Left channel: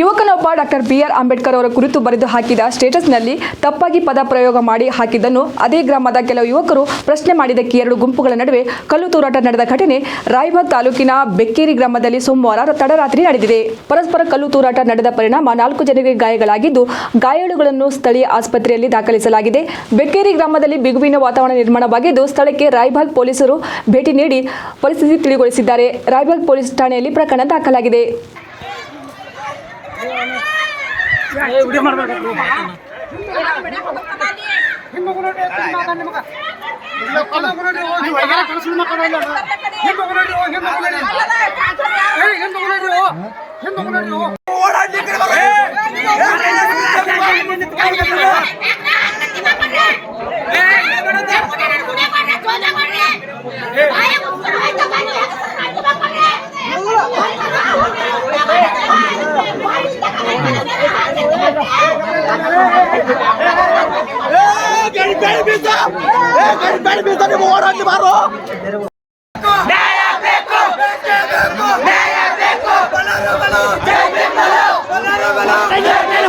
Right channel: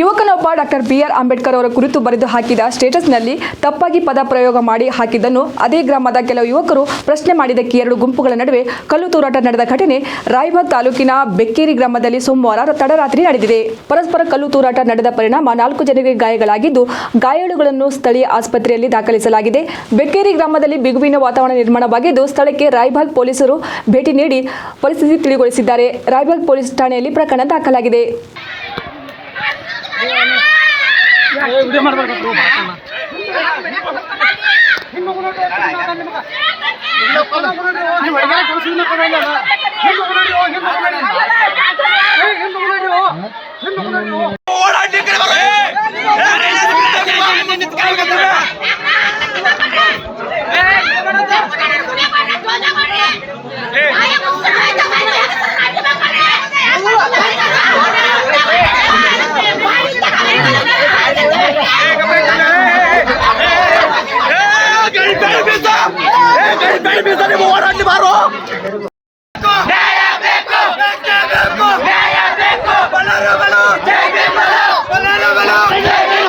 ಯುವಕನೊಬ್ಬ doctor B R. Ambedkar ಅವರ ಕುರಿತು ಬರೆದು ಹಾಕಿದ ಸ್ಟೇಟಸ್ನಲ್ಲಿ ತಪ್ಪಾಗಿ ಪದ ಪ್ರಯೋಗ ಮಾಡಿ ಹಾಕಿದ್ದನ್ನು ಅದೇ ಗ್ರಾಮದ ಕೆಲವು ಯುವಕರು ಪ್ರಶ್ನೆ ಮಾಡಿದ್ದಕ್ಕೆ ಎರಡು ಗುಂಪುಗಳ ನಡುವೆ ಕಲ್ಲು ತೂರಾಟ ನಡೆದ ಘಟನೆ ರಾಯಬಾಗ್ ತಾಲೂಕಿನ ಬೆಕ್ಕೇರಿ ಗ್ರಾಮದಲ್ಲಿ ಸೋಮವಾರ ತಡರಾತ್ರಿ ನಡೆದಿದೆ. ಪರಸ್ಪರ ಕಲ್ಲು ತೂರಾಟ ನಡೆದ ಪರಿಣಾಮ 4 ಜನರಿಗೆ ಗಾಯಗಳಾಗಿದ್ದು, ಗಾಯಾಳುಗಳನ್ನು ಸ್ಥಳೀಯ ಆಸ್ಪತ್ರೆಯಲ್ಲಿ ದಾಖಲಿಸಲಾಗಿದೆ. ಬೆಕ್ಕೇರಿ ಗ್ರಾಮದಲ್ಲಿ ಬಿಗುವಿನ ವಾತಾವರಣ ನಿರ್ಮಾಣವಾಗಿದ್ದು, ಸ್ಥಳಕ್ಕೆ ರಾಯಬಾಗ್ ಪೊಲೀಸರು ಭೇಟಿ ನೀಡಿ ಪರಿಸ್ಥಿತಿ ತಿಳಿಗೊಳಿಸಿದ್ದಾರೆ. ರಾಯಬಾಗ್ ಪೊಲೀಸ್ ಠಾಣೆಯಲ್ಲಿ ಪ್ರಕರಣ ದಾಖಲಾಗಿದೆ. ನ್ಯಾಯ ಬೇಕು